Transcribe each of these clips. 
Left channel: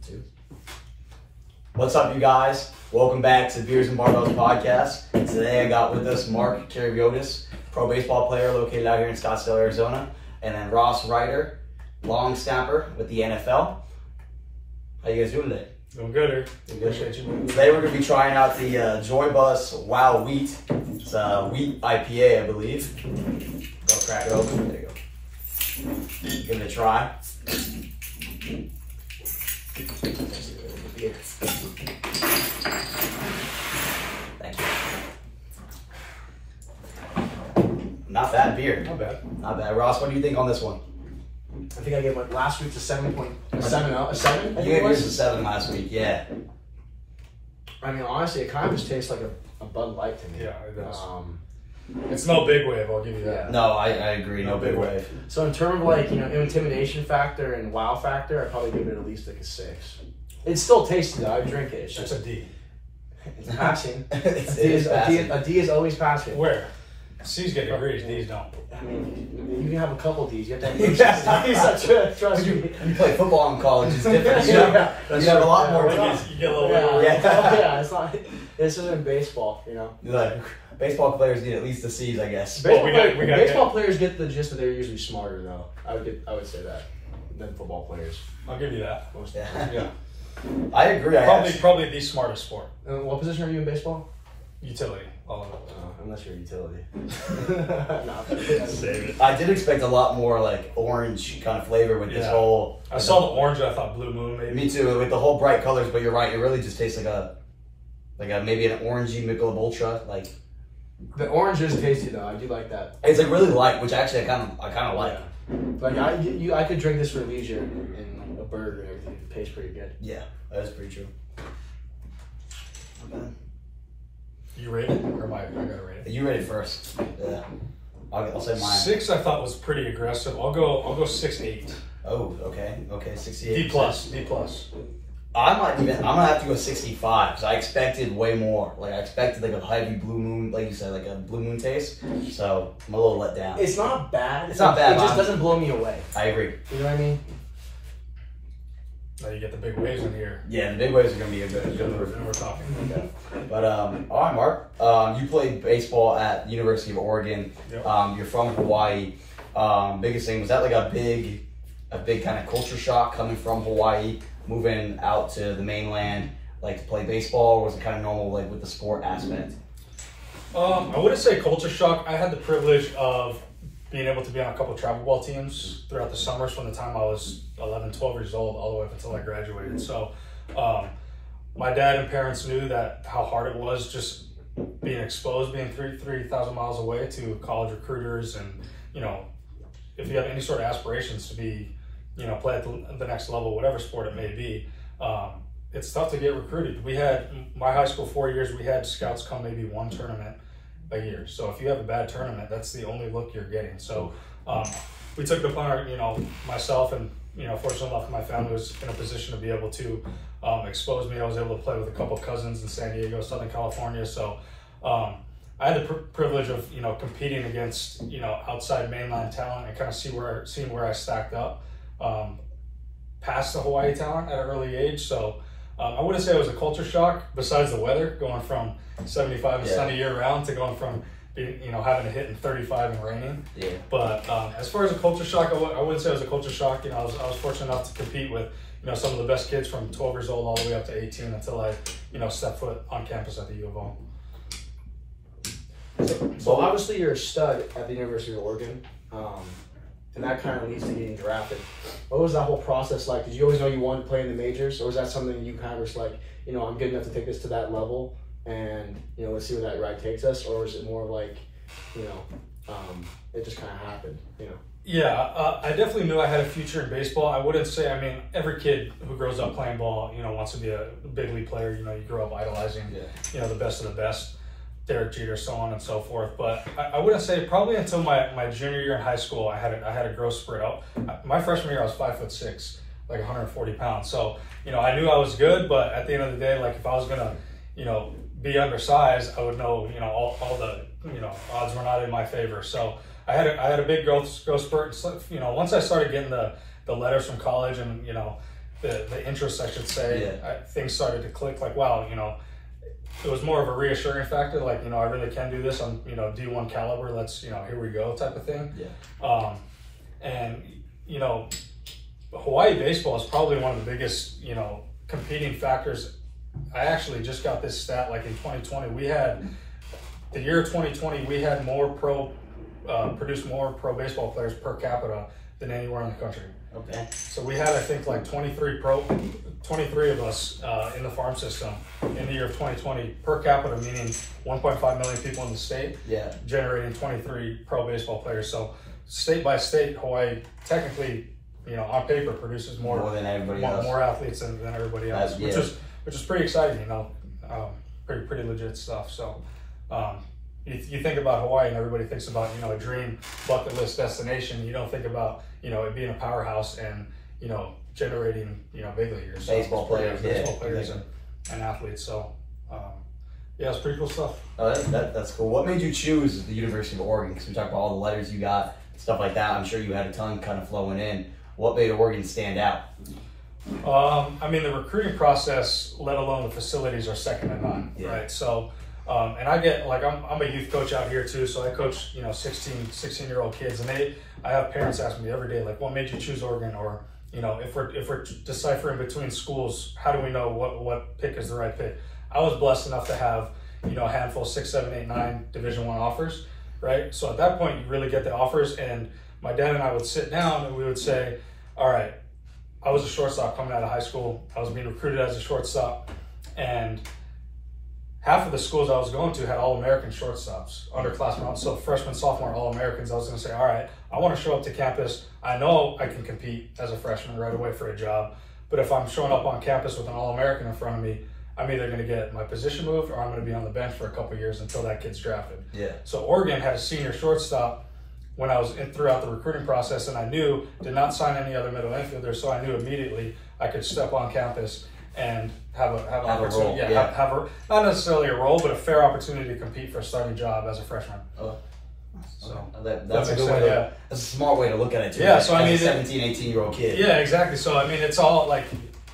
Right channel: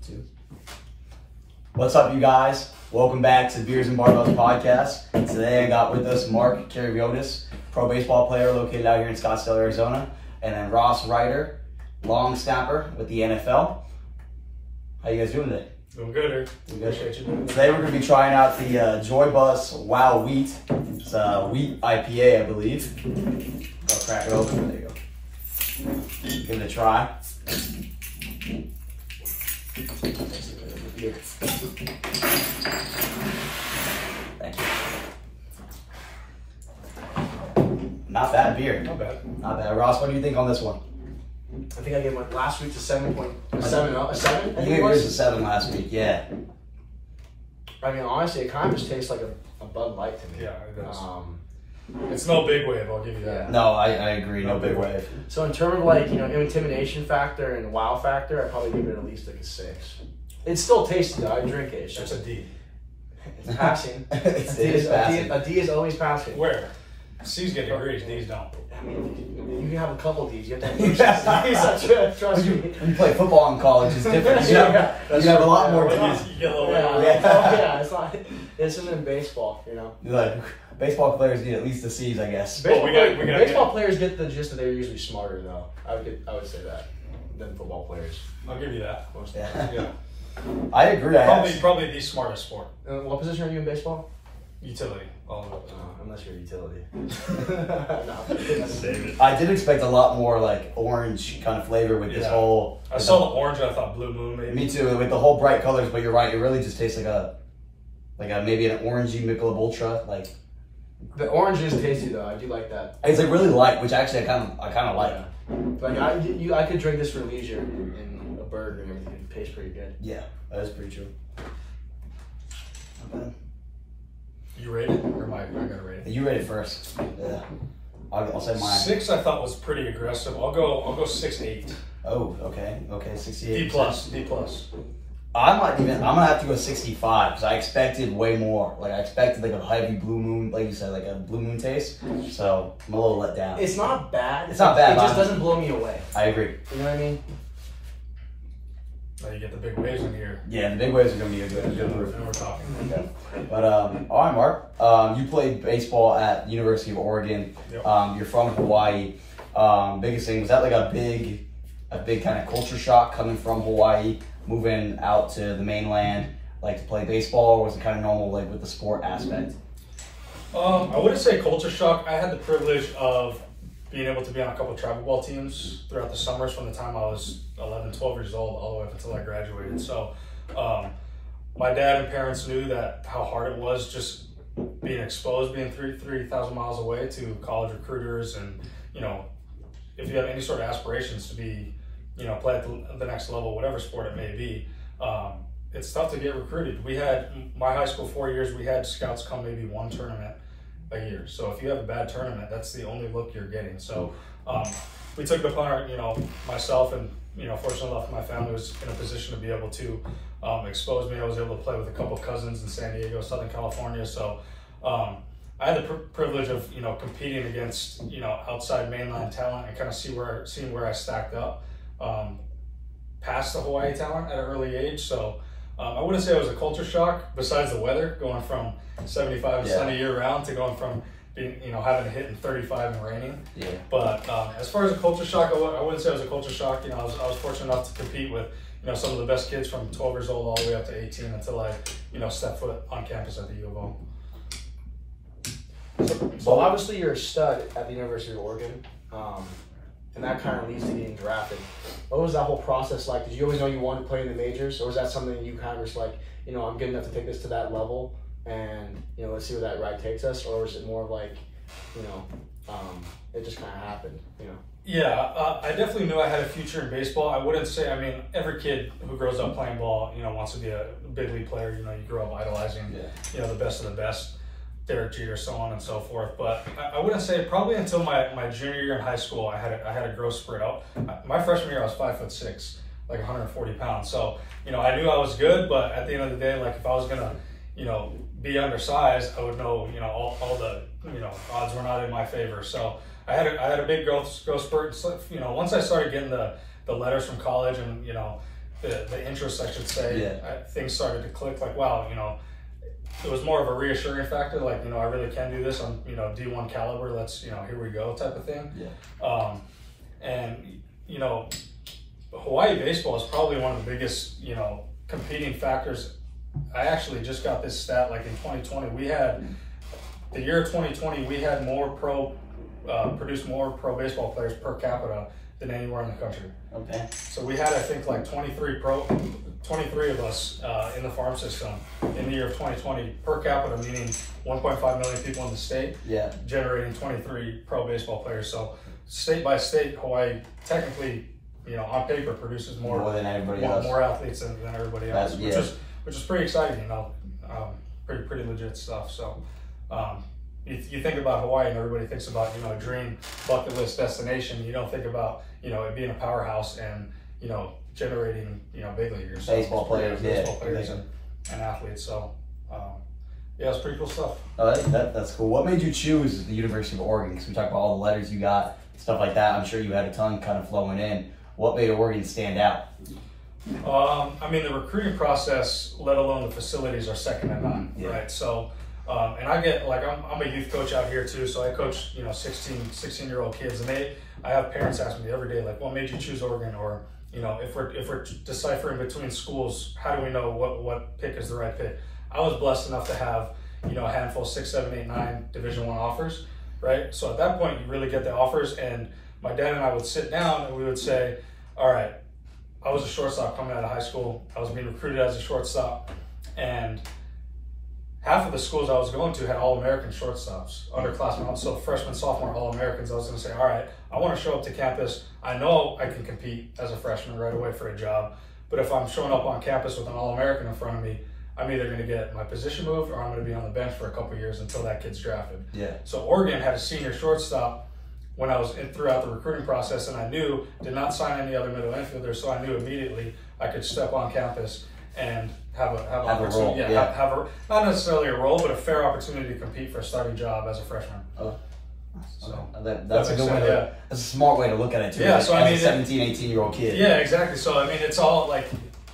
2. What's up, you guys? Welcome back to the Beers and Barbells podcast. Today I got with us Mark Karaviotis, pro baseball player located out here in Scottsdale, Arizona, and then Ross Reiter, long snapper with the NFL. How you guys doing today? Doing good, Eric. Appreciate you. Today we're going to be trying out the Joy Bus Wow Wheat. It's a wheat IPA, I believe. I'll crack it open. There you go. Give it a try. Thank you. Not bad beer. Not bad. Not bad. Ross, what do you think on this one? I think I gave like last week's a 7. A 7? I You think gave it yours a was. 7 last week, yeah. I mean, honestly, it kind of just tastes like a Bud Light to me. Yeah, it does. It's no big wave, I'll give you that. Yeah. No, I agree. No big wave. So in terms of like, intimidation factor and wow factor, I'd probably give it at least like a 6. It still tastes good. I drink it. It's That's just a D. it's passing. It A D is always passing. Where? C's get degrees, D's don't. I mean, you can have a couple D's. You have to have D's. Trust me. You play football in college, it's different. You Yeah, have, that's you have a true. lot Yeah, more. right. You get a little Yeah, bit. yeah, it's not. This isn't baseball, Like, baseball players need at least the C's, I guess. Baseball, we got baseball players get the gist that they're usually smarter, though. I would say that than football players. I'll give you that. Most of the Yeah. time. Yeah. I agree. Probably the smartest sport. And what position are you in baseball? Utility. All of it. Unless you're utility. Save it. I did expect a lot more like orange kind of flavor with this Yeah. whole. I saw the orange and I thought Blue Moon maybe. Me too, with the whole bright colors. But you're right. It really just tastes like a maybe an orangey Michelob Ultra. Like The orange is tasty though. I do like that. it's like really light, which actually I kind of like. Yeah. Like I could drink this for leisure and a burger and everything. It tastes pretty good. Yeah, that is pretty true. You rate it? Or am I gotta rate it? You ready first? Yeah. I'll say mine. 6 I thought was pretty aggressive. I'll go 6.8. Oh, okay, 68. D plus. D plus. I'm gonna have to go 65 because I expected way more. Like I expected like a heavy blue moon, like you said, like a blue moon taste. So I'm a little let down. It's not bad. It's not bad, It just but doesn't blow me away. I agree. You know what I mean? Now you get the big waves in here. Yeah, the big waves are gonna be a good And improvement. we're talking. Okay. But all right, Mark. You played baseball at the University of Oregon. Yep. You're from Hawaii. Biggest thing, was that like a big kind of culture shock coming from Hawaii, moving out to the mainland, like to play baseball, or was it kind of normal, like with the sport aspect? I wouldn't say culture shock. I had the privilege of being able to be on a couple of travel ball teams throughout the summers from the time I was 11, 12 years old all the way up until I graduated. So my dad and parents knew that how hard it was just being exposed, being 3,000 miles away to college recruiters, and if you have any sort of aspirations to be, play at the next level, whatever sport it may be, it's tough to get recruited. We had, my high school 4 years, we had scouts come maybe one tournament a year. So if you have a bad tournament, that's the only look you're getting. So we took it upon our, myself and, fortunately enough, my family was in a position to be able to expose me. I was able to play with a couple cousins in San Diego, Southern California. So I had the privilege of, competing against, outside mainland talent and kind of seeing where I stacked up past the Hawaii talent at an early age. So I wouldn't say it was a culture shock besides the weather, going from 75 and sunny year round to going from being, having to hit in 35 and raining. Yeah. But as far as a culture shock, I wouldn't say it was a culture shock. I was fortunate enough to compete with, some of the best kids from 12 years old all the way up to 18 until I, stepped foot on campus at the U of O. So obviously you're a stud at the University of Oregon, and that kind of leads to getting drafted. What was that whole process like? Did you always know you wanted to play in the majors, or was that something you kind of was like, I'm good enough to take this to that level, and let's see where that ride takes us, or was it more like, it just kind of happened, Yeah, I definitely knew I had a future in baseball. I wouldn't say, every kid who grows up playing ball, wants to be a big league player. You grow up idolizing, the best of the best, Derek Jeter, so on and so forth. But I wouldn't say, probably until my junior year in high school, I had a growth spurt out. My freshman year, I was 5'6", like 140 pounds. So, I knew I was good, but at the end of the day, like if I was gonna, be undersized, I would know, all the, odds were not in my favor. So I had a big growth spurt. So, once I started getting the letters from college and, the interest, I should say, Yeah. things started to click. Like, wow, you know, it was more of a reassuring factor. Like, you know, I really can do this. I'm, you know, D1 caliber. Let's, you know, here we go, type of thing. Yeah. And you know, Hawaii baseball is probably one of the biggest, you know, competing factors. I actually just got this stat, like in 2020, we had, the year 2020, we had produced more pro baseball players per capita than anywhere in the country. Okay. So we had, I think, like 23 of us in the farm system in the year of 2020 per capita, meaning 1.5 million people in the state, Yeah. generating 23 pro baseball players. So state by state, Hawaii technically, you know, on paper produces more than everybody else. More athletes than everybody else, which is pretty exciting, you know, pretty legit stuff. So you think about Hawaii and everybody thinks about, you know, a dream bucket list destination. You don't think about, you know, it being a powerhouse and, you know, generating, you know, big leaguers, baseball players and athletes. So yeah, it's pretty cool stuff. Oh, that's cool. What made you choose the University of Oregon? Because we talked about all the letters you got, stuff like that. I'm sure you had a ton kind of flowing in. What made Oregon stand out? I mean, the recruiting process, let alone the facilities, are second to none, right? So, and I get, like, I'm a youth coach out here too, so I coach, you know, 16-year-old kids, and I have parents ask me every day, like, what made you choose Oregon? Or, you know, if we're deciphering between schools, how do we know what pick is the right pick? I was blessed enough to have, you know, a handful, 6, 7, 8, 9 Division I offers, right? So at that point, you really get the offers, and my dad and I would sit down and we would say, all right, I was a shortstop coming out of high school. I was being recruited as a shortstop, and half of the schools I was going to had All-American shortstops, underclassmen. So freshman, sophomore, All-Americans. I was going to say, all right, I want to show up to campus. I know I can compete as a freshman right away for a job, but if I'm showing up on campus with an All-American in front of me, I'm either going to get my position moved or I'm going to be on the bench for a couple of years until that kid's drafted. Yeah. So Oregon had a senior shortstop when I was throughout the recruiting process, and I knew, did not sign any other middle infielder, so I knew immediately I could step on campus and have an opportunity, have a, not necessarily a role, but a fair opportunity to compete for a starting job as a freshman. So that's a good way that's a smart way to look at it too. Yeah, so I mean, 17, 18-year-old kid. Yeah, exactly. So I mean, it's all like,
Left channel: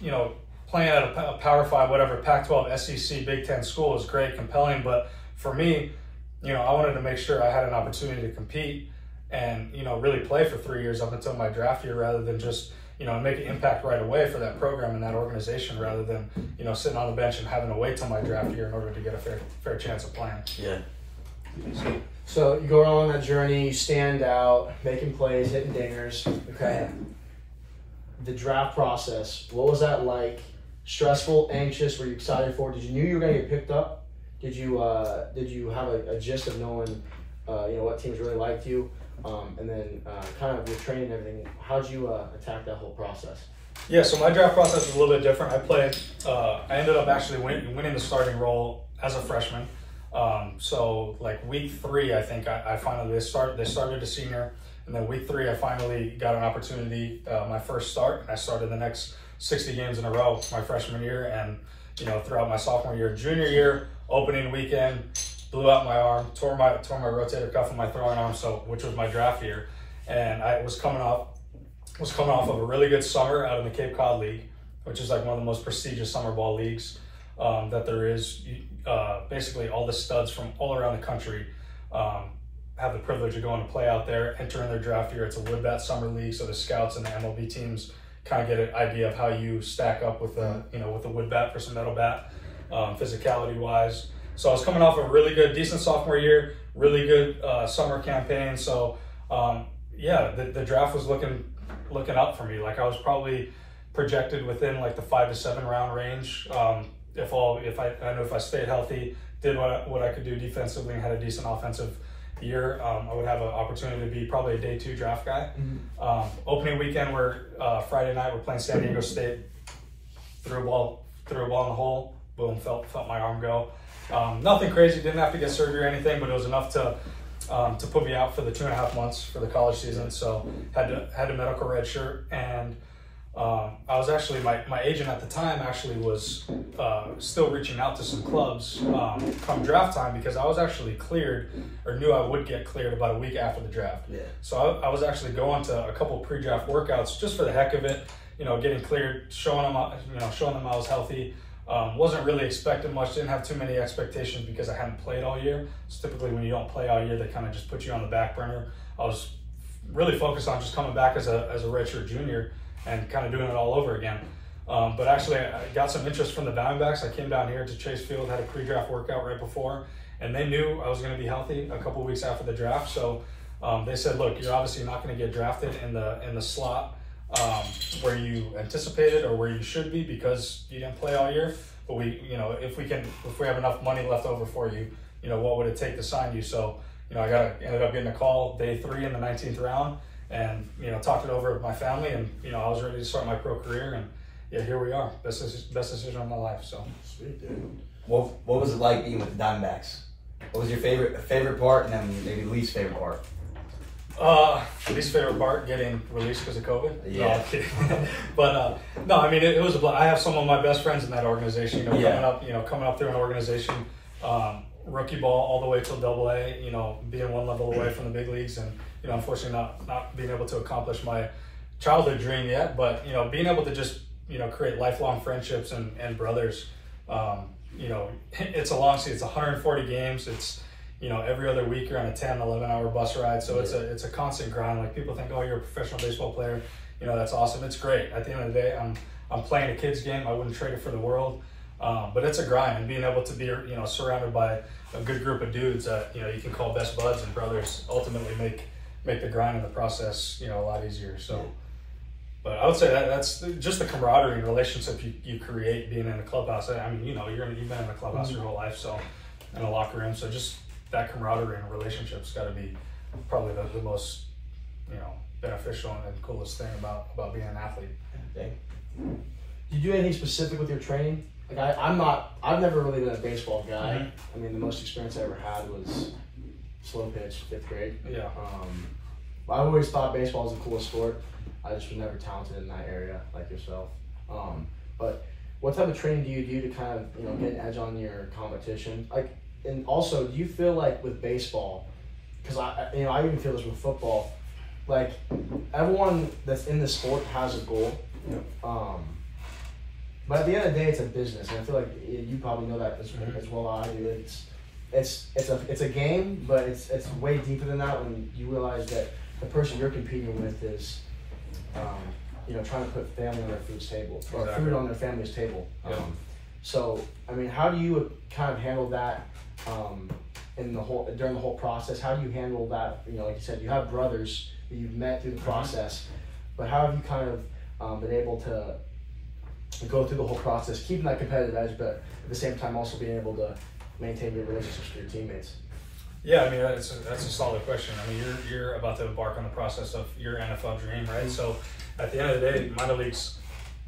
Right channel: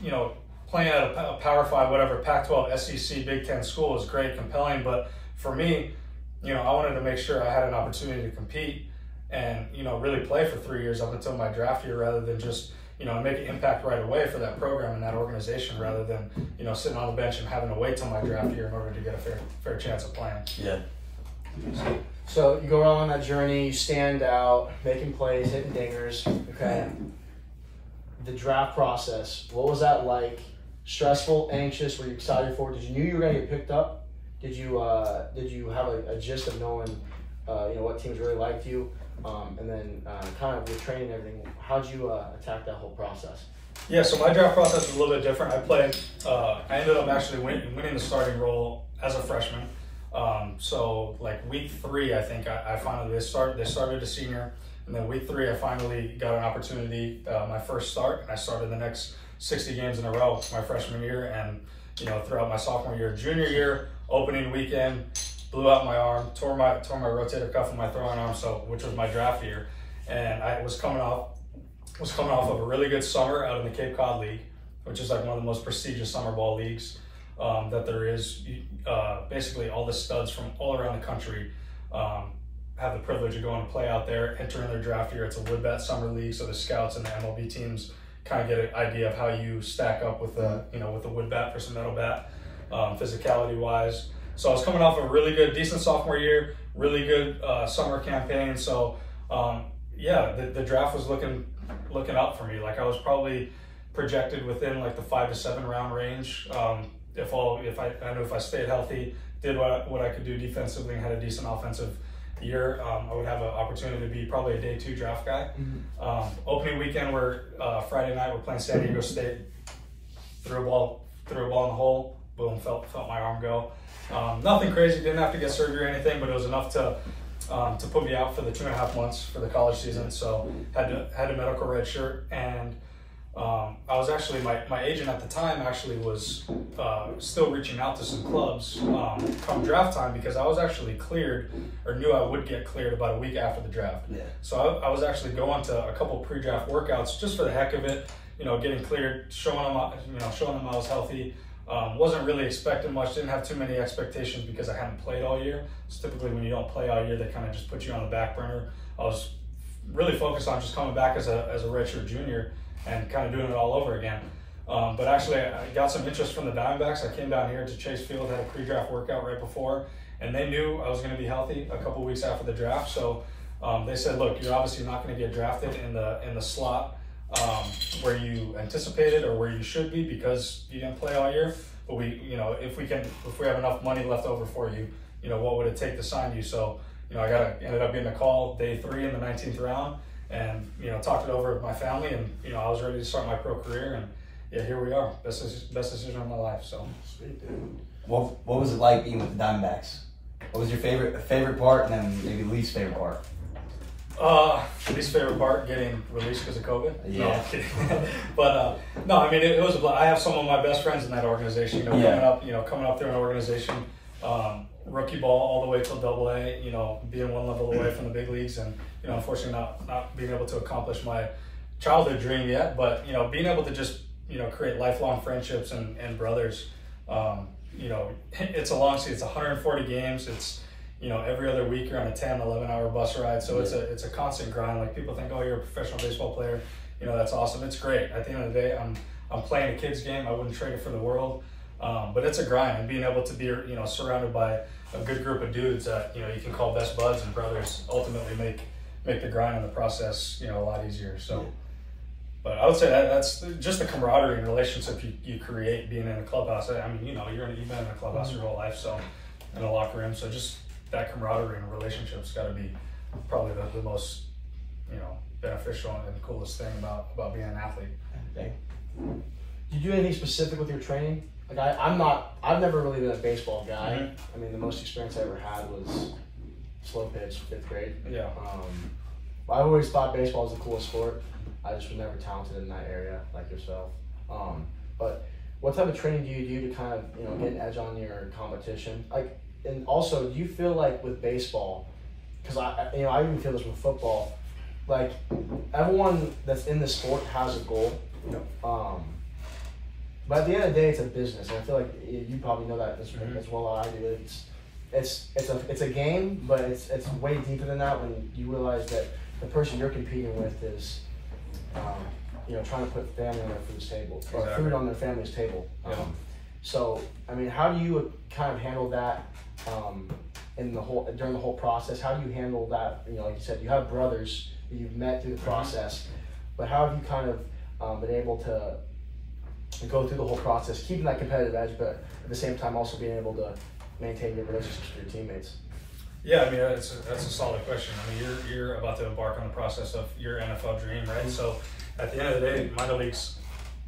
you know, playing at a Power 5, whatever, Pac-12, SEC, Big Ten school is great, compelling, but for me, you know, I wanted to make sure I had an opportunity to compete and, you know, really play for 3 years up until my draft year, rather than just, you know, make an impact right away for that program and that organization, rather than, you know, sitting on the bench and having to wait till my draft year in order to get a fair chance of playing. Yeah. So you go on that journey, you stand out, making plays, hitting dingers. Okay. The draft process, what was that like? Stressful, anxious? Were you excited for it? Did you know you were going to get picked up? Did you have a gist of knowing, you know, what teams really liked you? And then kind of your training and everything, how'd you attack that whole process? Yeah, so my draft process was a little bit different. I ended up actually winning the starting role as a freshman. So like week 3, I think I finally, they started a senior, and then week 3, I finally got an opportunity, my first start, and I started the next 60 games in a row my freshman year, and, you know, throughout my sophomore year, junior year, opening weekend, blew out my arm, tore my rotator cuff in my throwing arm, which was my draft year, and I was coming off of a really good summer out of the Cape Cod League, which is like one of the most prestigious summer ball leagues that there is. Basically, all the studs from all around the country have the privilege of going to play out there, entering their draft year. It's a wood bat summer league, so the scouts and the MLB teams kind of get an idea of how you stack up with the, you know, with the wood bat versus metal bat, physicality wise. So I was coming off a really good, decent sophomore year, really good summer campaign. So yeah, the draft was looking up for me. Like I was probably projected within like the 5 to 7 round range. If I stayed healthy, did what I could do defensively, and had a decent offensive year, I would have an opportunity to be probably a day 2 draft guy. Opening weekend, Friday night, we're playing San Diego State. Threw a ball in the hole. Boom, felt my arm go. Nothing crazy, didn't have to get surgery or anything, but it was enough to put me out for the 2.5 months for the college season. So had a medical red shirt, and I was actually, my agent at the time actually was still reaching out to some clubs come draft time, because I was actually cleared, or knew I would get cleared about a week after the draft. Yeah. So I was actually going to a couple pre-draft workouts just for the heck of it, getting cleared, showing them I was healthy. Wasn't really expecting much, didn't have too many expectations because I hadn't played all year. So typically when you don't play all year, they kind of just put you on the back burner. I was really focused on just coming back as a redshirt junior and kind of doing it all over again. But actually I got some interest from the Diamondbacks. I came down here to Chase Field, had a pre-draft workout right before, and they knew I was going to be healthy a couple weeks after the draft. So they said, look, you're obviously not going to get drafted in the slot where you anticipated or where you should be because you didn't play all year. But if we have enough money left over for you, what would it take to sign you? So, I ended up getting a call day 3 in the 19th round, and talked it over with my family, and I was ready to start my pro career, and yeah, here we are. Best decision of my life. So sweet, dude. What was it like being with the Diamondbacks? What was your favorite part, and then maybe least favorite part? Least favorite part, getting released because of COVID. Yeah. No, I'm kidding. But no, I mean it was I have some of my best friends in that organization. Coming up through an organization, rookie ball all the way till AA. Being one level away from the big leagues, and unfortunately not being able to accomplish my childhood dream yet. But being able to just create lifelong friendships and brothers. It's a long season. It's 140 games. It's every other week you're on a 10, 11-hour bus ride. So it's a constant grind. Like people think, oh, you're a professional baseball player. That's awesome. It's great. At the end of the day, I'm playing a kid's game. I wouldn't trade it for the world. But it's a grind, and being able to be surrounded by a good group of dudes that you can call best buds and brothers ultimately make the grind and the process a lot easier. So. But I would say that's just the camaraderie and relationship you create being in a clubhouse. I mean, you've been in a clubhouse your whole life, so in a locker room. So just that camaraderie and relationship's got to be probably the most, beneficial and coolest thing about being an athlete. Okay. Did you do anything specific with your training? Like I've never really been a baseball guy. Mm-hmm. I mean, the most experience I ever had was slow pitch, 5th grade. Yeah. I always thought baseball was the coolest sport. I just was never talented in that area like yourself. But what type of training do you do to kind of get an edge on your competition? Like, and also, do you feel like with baseball, because I even feel this with football, like everyone that's in the sport has a goal. But at the end of the day, it's a business, and I feel like you probably know that as well as I do. It's a game, but it's way deeper than that when you realize that the person you're competing with is trying to put family on their food's table, or food on their family's table. So, I mean, how do you kind of handle that during the whole process? How do you handle that? Like you said, you have brothers that you've met through the process, but how have you kind of been able to go through the whole process, keeping that competitive edge, but at the same time also being able to maintain your relationships with your teammates? Yeah, I mean, that's a solid question. I mean, you're about to embark on the process of your NFL dream, right? Mm-hmm. So at the end of the day, minor leagues,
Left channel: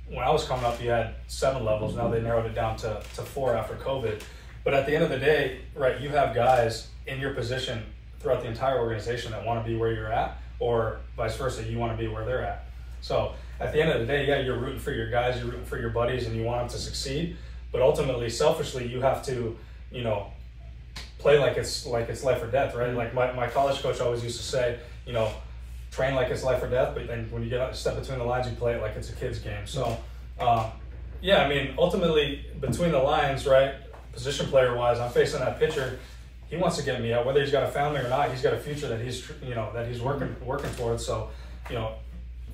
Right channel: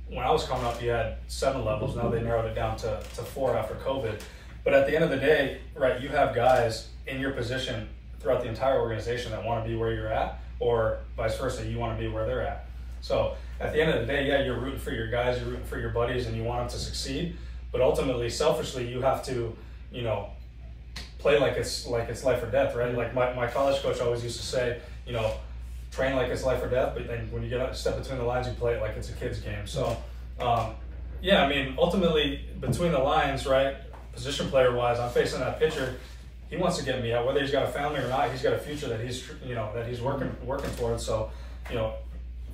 when I was coming up, you had 7 levels. Now they narrowed it down to 4 after COVID. But at the end of the day, right, you have guys in your position throughout the entire organization that want to be where you're at, or vice versa, you want to be where they're at. So at the end of the day, yeah, you're rooting for your guys, you're rooting for your buddies, and you want them to succeed. But ultimately, selfishly, you have to, play like it's life or death, right? Like my college coach always used to say, train like it's life or death, but then when you step between the lines, you play it like it's a kid's game. So, yeah, I mean, ultimately, between the lines, right, position player-wise, I'm facing that pitcher. He wants to get me out, whether he's got a family or not. He's got a future that he's working towards. So,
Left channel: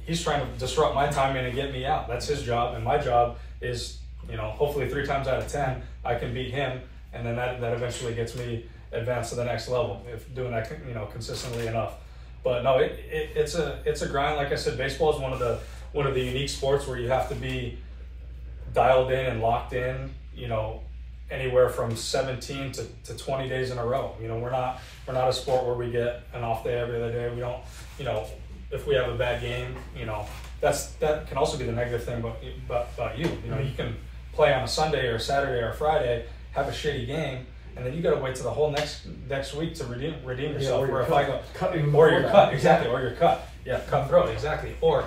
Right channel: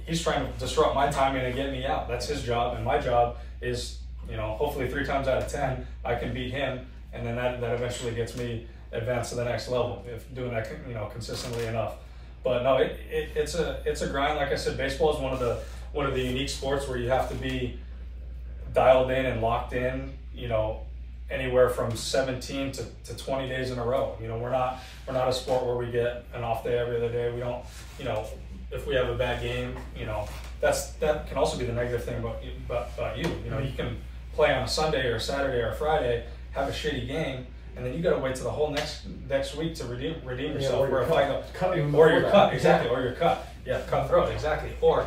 he's trying to disrupt my timing and get me out. That's his job, and my job is, hopefully 3 times out of 10, I can beat him. And then that eventually gets me advanced to the next level if doing that consistently enough. But no, it's a grind. Like I said, baseball is one of the unique sports where you have to be dialed in and locked in. Anywhere from 17 to 20 days in a row. We're not a sport where we get an off day every other day. We don't. If we have a bad game, that can also be the negative thing about you. You can play on a Sunday or a Saturday or a Friday, have a shitty game, and then you got to wait to the whole next week to redeem yourself. Or you're cut, exactly, or you're cut. Yeah, cutthroat, exactly. Or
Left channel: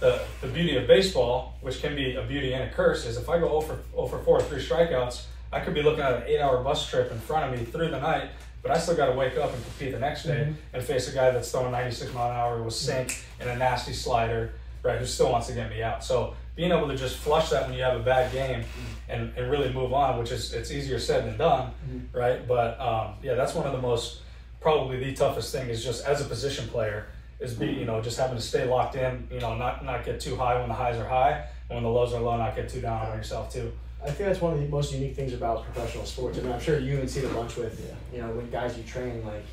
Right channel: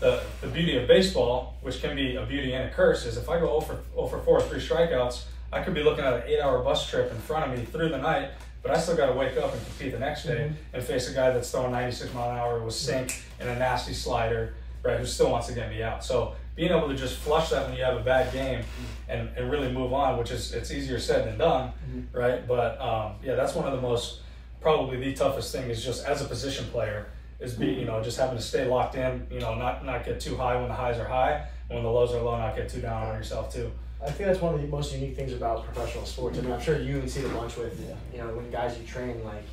the beauty of baseball, which can be a beauty and a curse, is if I go 0 for 4, 3 strikeouts, I could be looking at an 8-hour bus trip in front of me through the night, but I still got to wake up and compete the next day and face a guy that's throwing 96 mile an hour with sink and a nasty slider, right, who still wants to get me out. So being able to just flush that when you have a bad game and really move on, which is, it's easier said than done, right? But yeah, that's one of the most, probably the toughest thing is just as a position player is being, you know, just having to stay locked in, you know, not get too high when the highs are high, and when the lows are low, not get too down on yourself too. I think that's one of the most unique things about professional sports. I mean, I'm sure you even see it a bunch with, you know, when guys you train, like,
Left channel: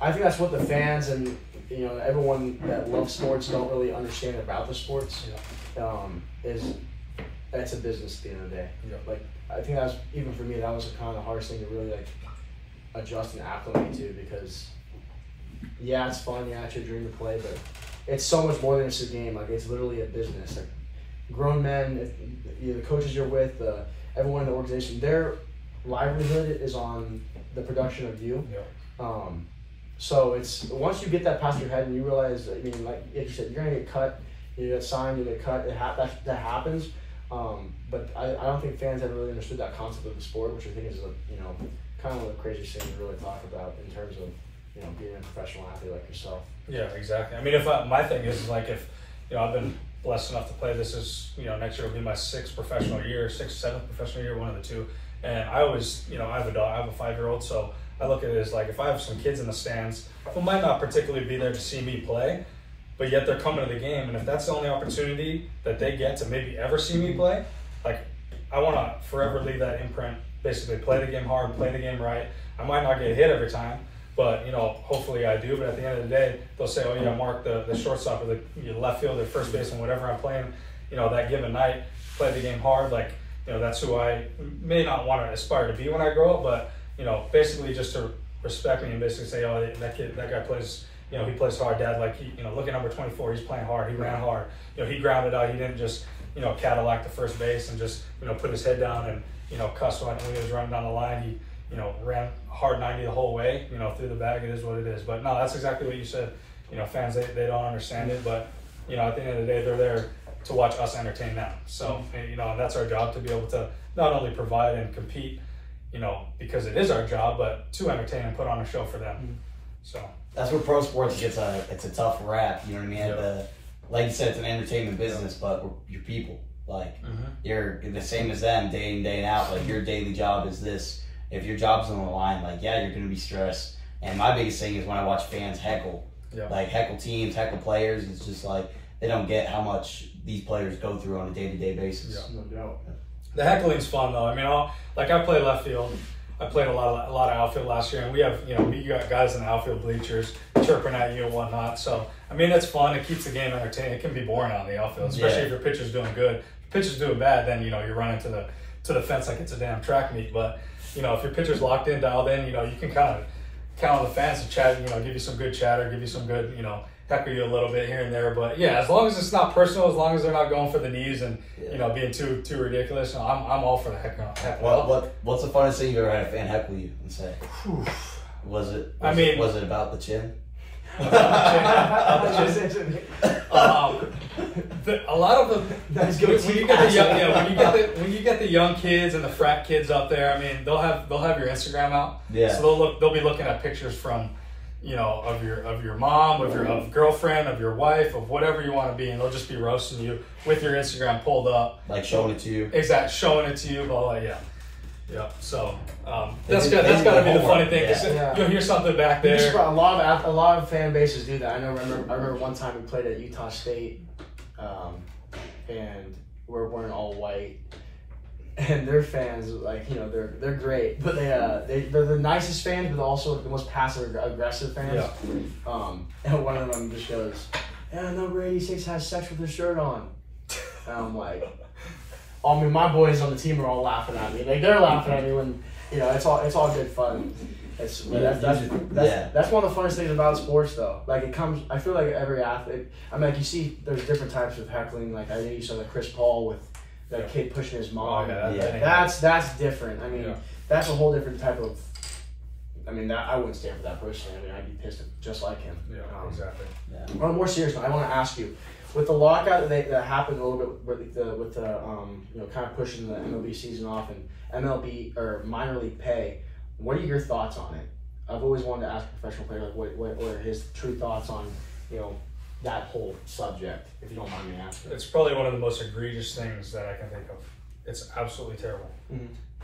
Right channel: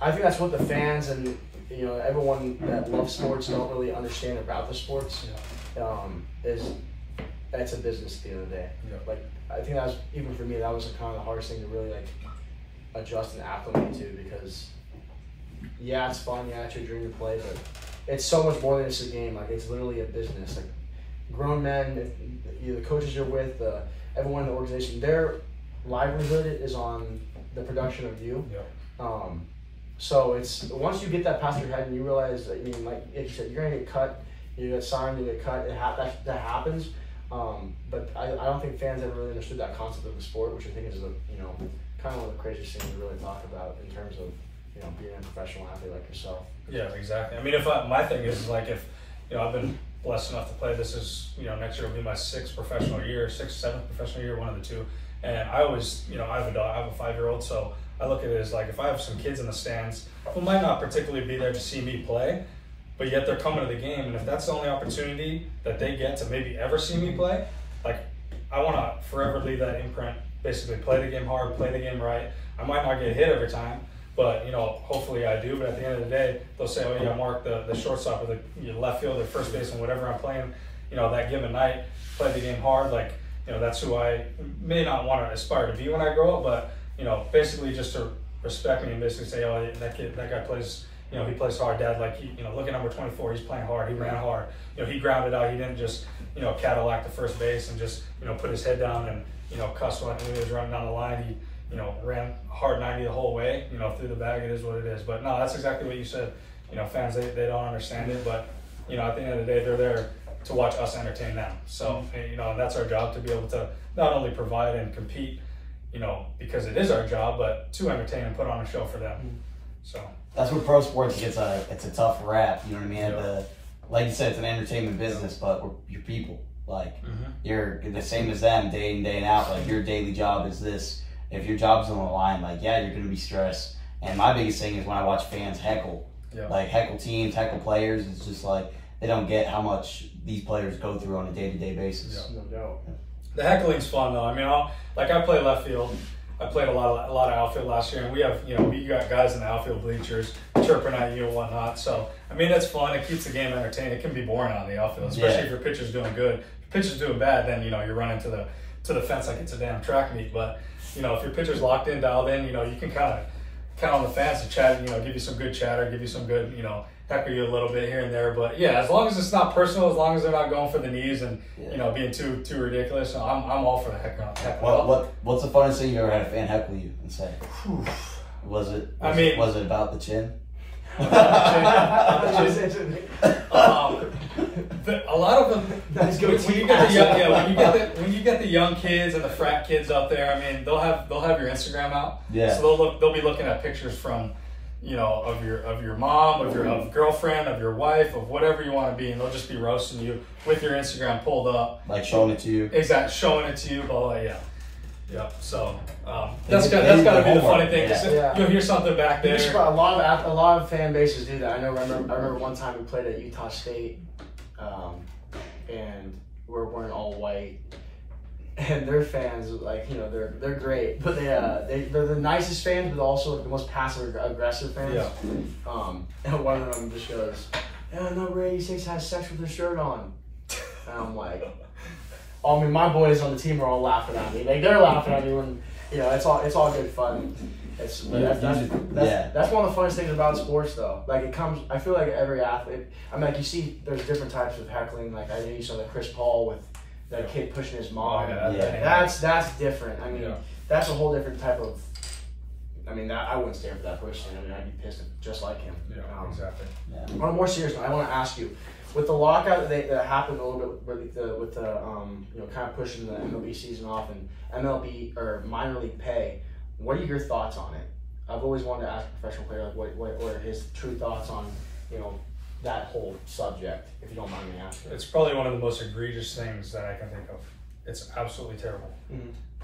I think that's what the fans and, you know, everyone that loves sports don't really understand about the sports, is it's a business at the end of the day. Like, I think that was, even for me, that was kind of the hardest thing to really, like, adjust and acclimate to, because, yeah, it's fun, yeah, it's your dream to play, but it's so much more than just a game. Like, it's literally a business. Like, grown men, the coaches you're with, everyone in the organization, their livelihood is on the production of you. So it's, once you get that past your head and you realize, I mean, like you said, you're gonna get cut, you get signed, you get cut, that happens. But I don't think fans ever really understood that concept of the sport, which I think is, you know, kind of one of the craziest things to really talk about in terms of, you know, being a professional athlete like yourself. Yeah, exactly. I mean, my thing is, like, if, you know, I've been blessed enough to play, this is, you know, next year will be my 6th professional year, 6th, 7th professional year, one of the two. And I always, you know, I have a 5-year-old, so I look at it as, like, if I have some kids in the stands who might not particularly be there to see me play, but yet they're coming to the game, and if that's the only opportunity that they get to maybe ever see me play, like, I want to forever leave that imprint, basically play the game hard, play the game right. I might not get hit every time, but, you know, hopefully I do. But at the end of the day, they'll say, oh, yeah, Mark, the shortstop or the left fielder, first base, and whatever I'm playing, you know, that given night, play the game hard. Like, you know, that's who I may not want to aspire to be when I grow up, but, you know, basically just to respect me and basically say, oh, that guy plays, you know, he plays hard. Dad, like, he, you know, look at number 24, he's playing hard, he ran hard. You know, he grounded out, he didn't just, you know, Cadillac the first base and just, you know, put his head down and, you know, cuss when he was running down the line. He, you know, ran hard 90 the whole way, you know, through the bag. It is what it is. But no, that's exactly what you said. You know, fans, they don't understand it, but, you know, at the end of the day, they're there to watch us entertain them. So, you know, that's our job, to be able to not only provide and compete, you know, because it is our job, but to entertain and put on a show for them. So that's where pro sports gets it's a tough rap. You know what I mean? Yep. Like you said, it's an entertainment business, but you're people. Like, you're the same as them day in, day out. Like, your daily job is this. If your job's on the line, like, yeah, you're going to be stressed. And my biggest thing is when I watch fans heckle, like, heckle teams, heckle players. It's just like, they don't get how much these players go through on a day-to-day basis. No doubt. The heckling's fun, though. I mean, I play left field. I played a lot of outfield last year, and we got guys in the outfield bleachers chirping at you and whatnot. So, I mean, it's fun. It keeps the game entertaining. It can be boring out in the outfield, especially if your pitcher's doing good. If your pitcher's doing bad, then, you know, you're running to the fence like it's a damn track meet. But, you know, if your pitcher's locked in, dialed in, you know, you can kind of count on the fans to chat, you know, give you some good chatter, give you some good, you know, heckle you a little bit here and there. But yeah, as long as it's not personal, as long as they're not going for the knees and, you know, being too ridiculous, I'm all for the heckle. Well, what's the funnest thing you ever had a fan heckle you and say? Was it about the chin? A lot of them, when you get the young kids and the frat kids up there, I mean, they'll have your Instagram out. Yeah. So they'll be looking at pictures from, you know, of your mom, of your girlfriend, of your wife, of whatever you want to be, and they'll just be roasting you with your Instagram pulled up, like showing it to you. Exactly, showing it to you. Blah blah. Yeah. Yep. So that's got to be the funny thing. You'll hear something back there. A lot of fan bases do that. I remember one time we played at Utah State, and we're wearing all white, and their fans, like, you know, they're great, but they're the nicest fans, but also the most passive aggressive fans. Yeah. And one of them just goes, "Yeah, number 86 has sex with his shirt on," and I'm like. I mean, my boys on the team are all laughing at me. Like, they're laughing at me when, you know, it's all good fun. That's one of the funnest things about sports, though. Like, I feel like every athlete, I mean, like, you see, there's different types of heckling. Like, I know you saw the Chris Paul with that kid pushing his mom. That's different. I mean, that's a whole different type of. I mean, I wouldn't stand for that personally. I mean, I'd be pissed just like him. Yeah, exactly. On a more serious note, I want to ask you. With the lockout that happened a little bit with the you know, kind of pushing the MLB season off and MLB or minor league pay, what are your thoughts on it? I've always wanted to ask a professional player, like, what are his true thoughts on, you know, that whole subject, if you don't mind me asking? It's probably one of the most egregious things that I can think of. It's absolutely terrible.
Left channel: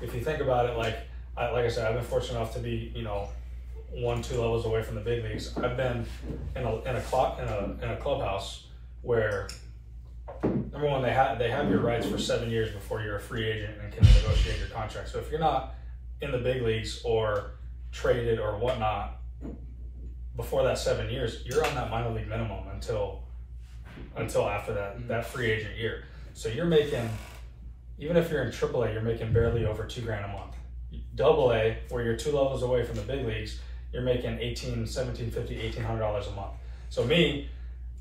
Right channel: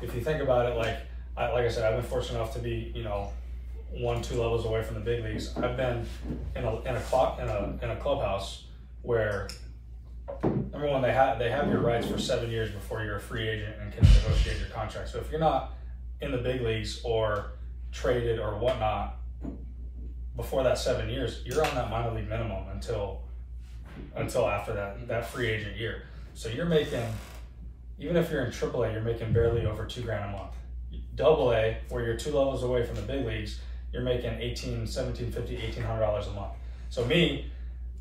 If you think about it, like I said, I've been fortunate enough to be, 1-2 levels away from the big leagues. I've been in a clubhouse where, number one, they have your rights for 7 years before you're a free agent and can negotiate your contract. So if you're not in the big leagues or traded or whatnot before that 7 years, you're on that minor league minimum until after that free agent year. So you're making, even if you're in AAA, you're making barely over $2,000 a month. AA, where you're 2 levels away from the big leagues, you're making $1,750, $1,800 a month. So me,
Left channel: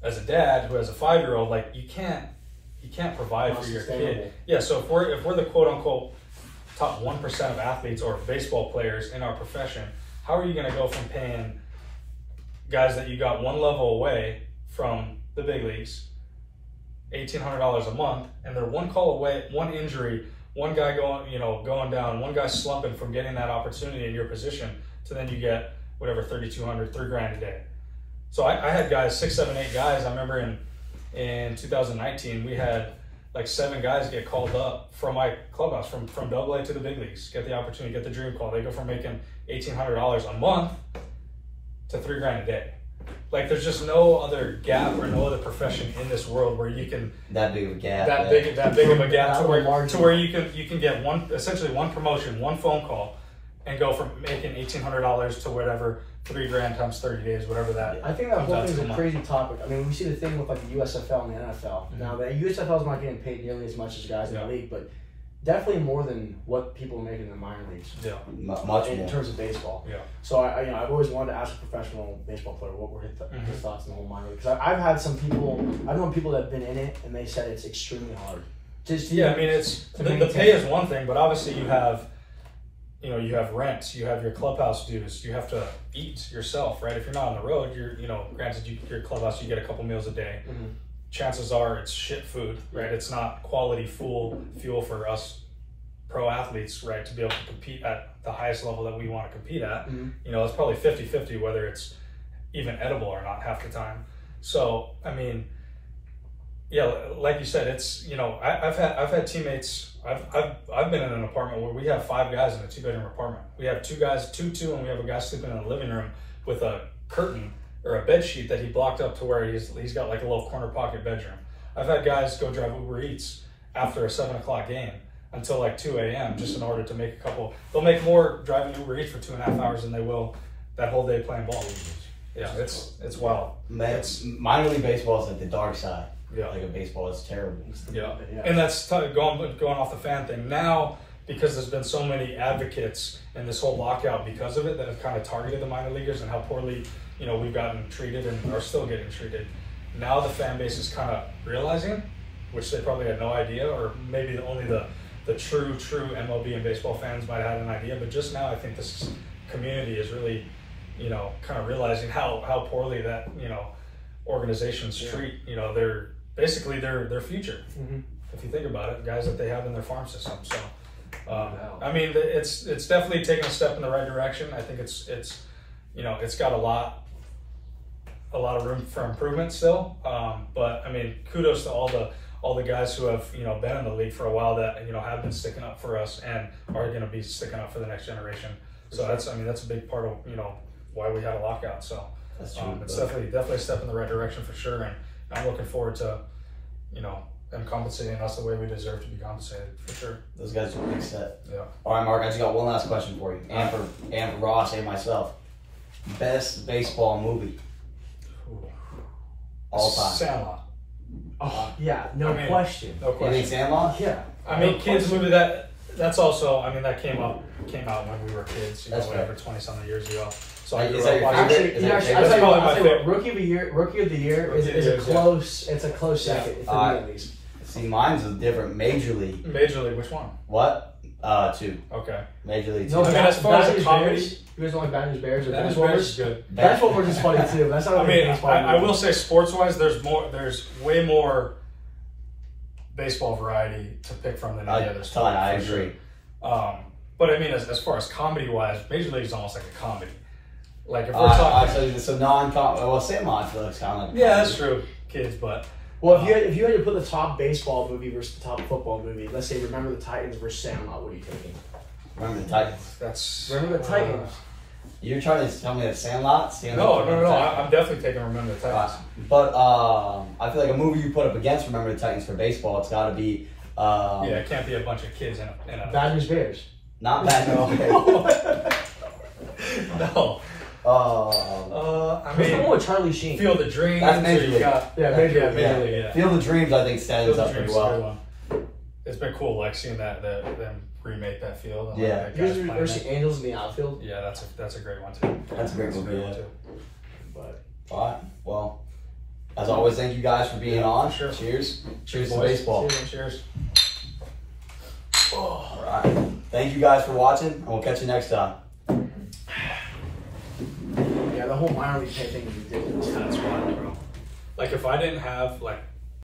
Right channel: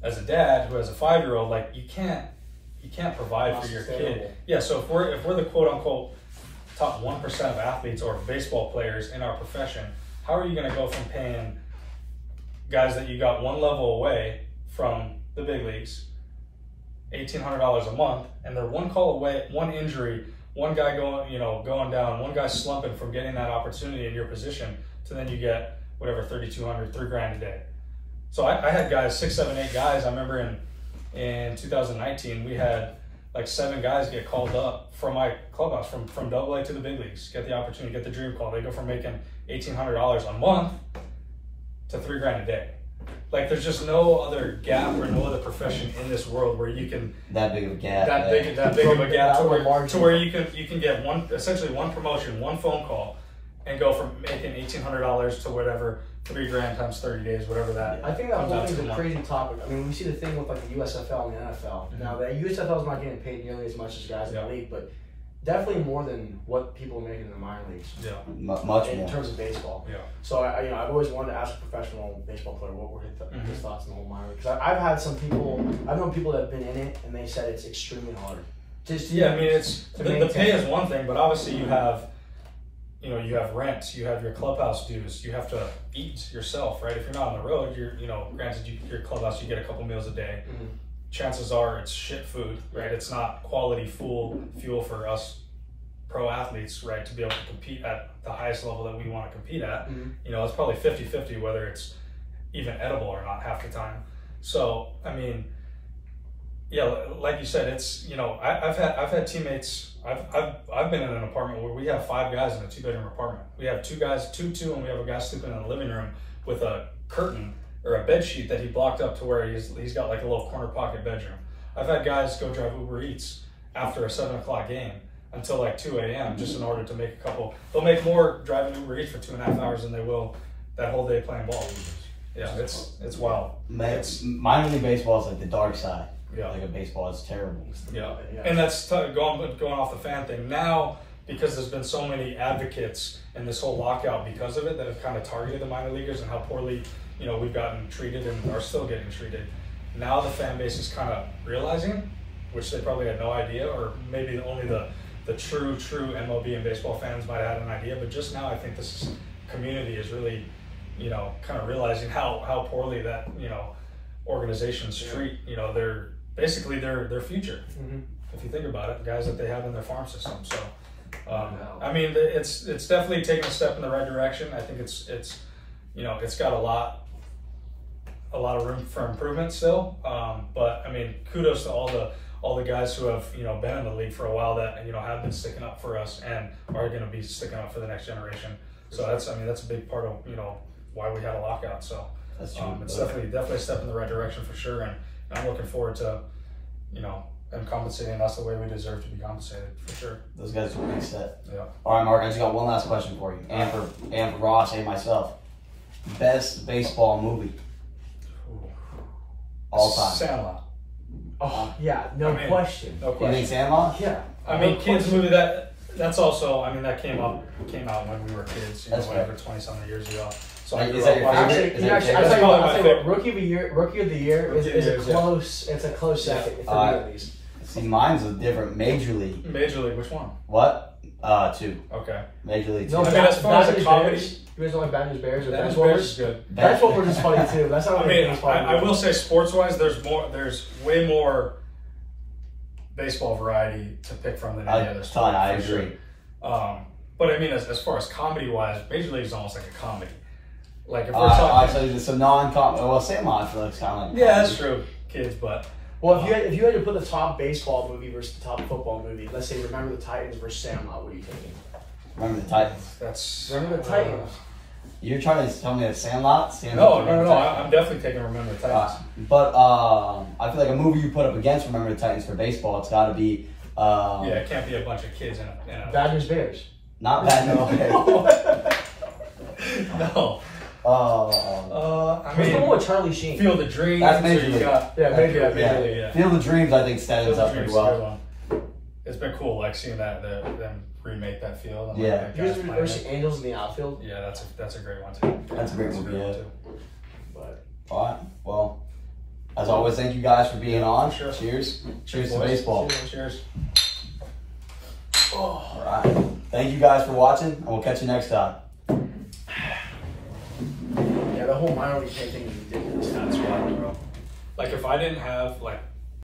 as a dad who has a 5-year-old, like you can't provide for your kid. Yeah. So if we're the quote unquote top 1% of athletes or baseball players in our profession, how are you going to go from paying guys that you got 1 level away from the big leagues $1,800 a month, and they're 1 call away, 1 injury, 1 guy going down, 1 guy slumping from getting that opportunity in your position, to then you get whatever, $3,200, $3,000 a day. So I had guys, 6, 7, 8 guys. I remember in 2019 we had like 7 guys get called up from my clubhouse from AA to the big leagues, get the opportunity, get the dream call. They go from making $1,800 a month to $3,000 a day. Like there's just no other gap or no other profession in this world where you can that big of a gap, that big of a gap to where you can get essentially one promotion, 1 phone call, and go from making $1,800 to whatever, $3,000 times 30 days, whatever that. I think that whole thing is a crazy topic. I mean, we see the thing with like the USFL and the NFL. Now the USFL is not getting paid nearly as much as guys in the league, but definitely more than what people are making in the minor leagues. Yeah, much more in terms of baseball. Yeah. So I've always wanted to ask a professional baseball player what were his thoughts on the whole minor league, because I've had some people, I've known people that have been in it and they said it's extremely hard. Yeah, I mean it's the pay is one thing, but obviously you have rent, you have your clubhouse dues, you have to eat yourself, right? If you're not on the road, granted your clubhouse, you get a couple meals a day. Chances are it's shit food, right? It's not quality fuel for us pro athletes, right? To be able to compete at the highest level that we want to compete at. It's probably 50-50 whether it's even edible or not half the time. So, I mean, yeah, like you said, it's, I've had teammates. I've been in an apartment where we have 5 guys in a 2-bedroom apartment. We have 2 guys, 2, and we have a guy sleeping in the living room with a curtain or a bed sheet that he blocked up to where he's got like a little corner pocket bedroom. I've had guys go drive Uber Eats after a 7 o'clock game until like 2 a.m. just in order to make they'll make more driving Uber Eats for 2.5 hours than they will that whole day playing ball. Yeah, it's wild. Minor league baseball is like the dark side. Yeah. Like a baseball is terrible. Yeah. And that's going off the fan thing. Now, because there's been so many advocates in this whole lockout because of it that have kind of targeted the minor leaguers and how poorly, we've gotten treated and are still getting treated. Now the fan base is kind of realizing, which they probably had no idea, or maybe only the true MLB and baseball fans might have had an idea, but just now I think this community is really, kind of realizing how poorly that, organizations treat, their future. If you think about it, guys that they have in their farm system. So, I mean, it's definitely taken a step in the right direction. I think it's got a lot of room for improvement still. But I mean, kudos to all the guys who have been in the league for a while that have been sticking up for us and are going to be sticking up for the next generation. So that's a big part of why we had a lockout. So that's true. It's definitely a step in the right direction for sure, and I'm looking forward to them compensating us the way we deserve to be compensated for sure. Those guys are a big step. Yeah. All right, Mark, I just got one last question for you, and for Ross and myself. Best baseball movie all time. Sandlot. Oh yeah, no question. No question. You think Sandlot? Yeah. I mean, kids movie that's also. I mean, that came out when we were kids. That's whatever, 20-something years ago. So is that your favorite? Actually, I'll tell you what, Rookie of the Year is a close. It's a close second for me at least. See, mine's a different. Major League. Major League. Which one? What? 2. Okay. Major League. No, 2. I mean, as far as a comedy, you guys don't like Bad News Bears or Bad News Bears is good. Benchwarmers is funny too. That's not. I mean, I will say sports-wise, there's way more baseball variety to pick from than any other sport. I agree. But I mean, as far as comedy-wise, Major League is almost like a comedy. Like if we're talking, actually, it's a well, Sandlot looks kind of like. yeah, that's true, kids, but Well, if you had to put the top baseball movie versus the top football movie, let's say Remember the Titans versus Sandlot, what are you taking? Remember the Titans. that's Remember the Titans. You're trying to tell me that Sandlot? No, I'm definitely taking Remember the Titans. But I feel like a movie you put up against Remember the Titans for baseball, it's got to be. Yeah, it can't be a bunch of kids in a Badgers Bears. Not bad. No. I I mean, mean, with Charlie Sheen. Field of Dreams. That's Major or you League. got Major League. Major League. Yeah. Field of Dreams, I think, stands Field up of pretty Dreams is a good well. one. It's been cool, like seeing them remake that field. And, Yeah. like, You guys guys ever playing see it. Angels in the Outfield? Yeah, that's a great one too. That's a great movie, yeah. But All right. Well, as always, thank you guys for being on. Sure. Cheers. Cheers to boys. baseball. Cheers. All right. Thank you guys for watching, and we'll catch you next time. yeah, the whole minor league thing is ridiculous. That's wild, bro. Like if I didn't have like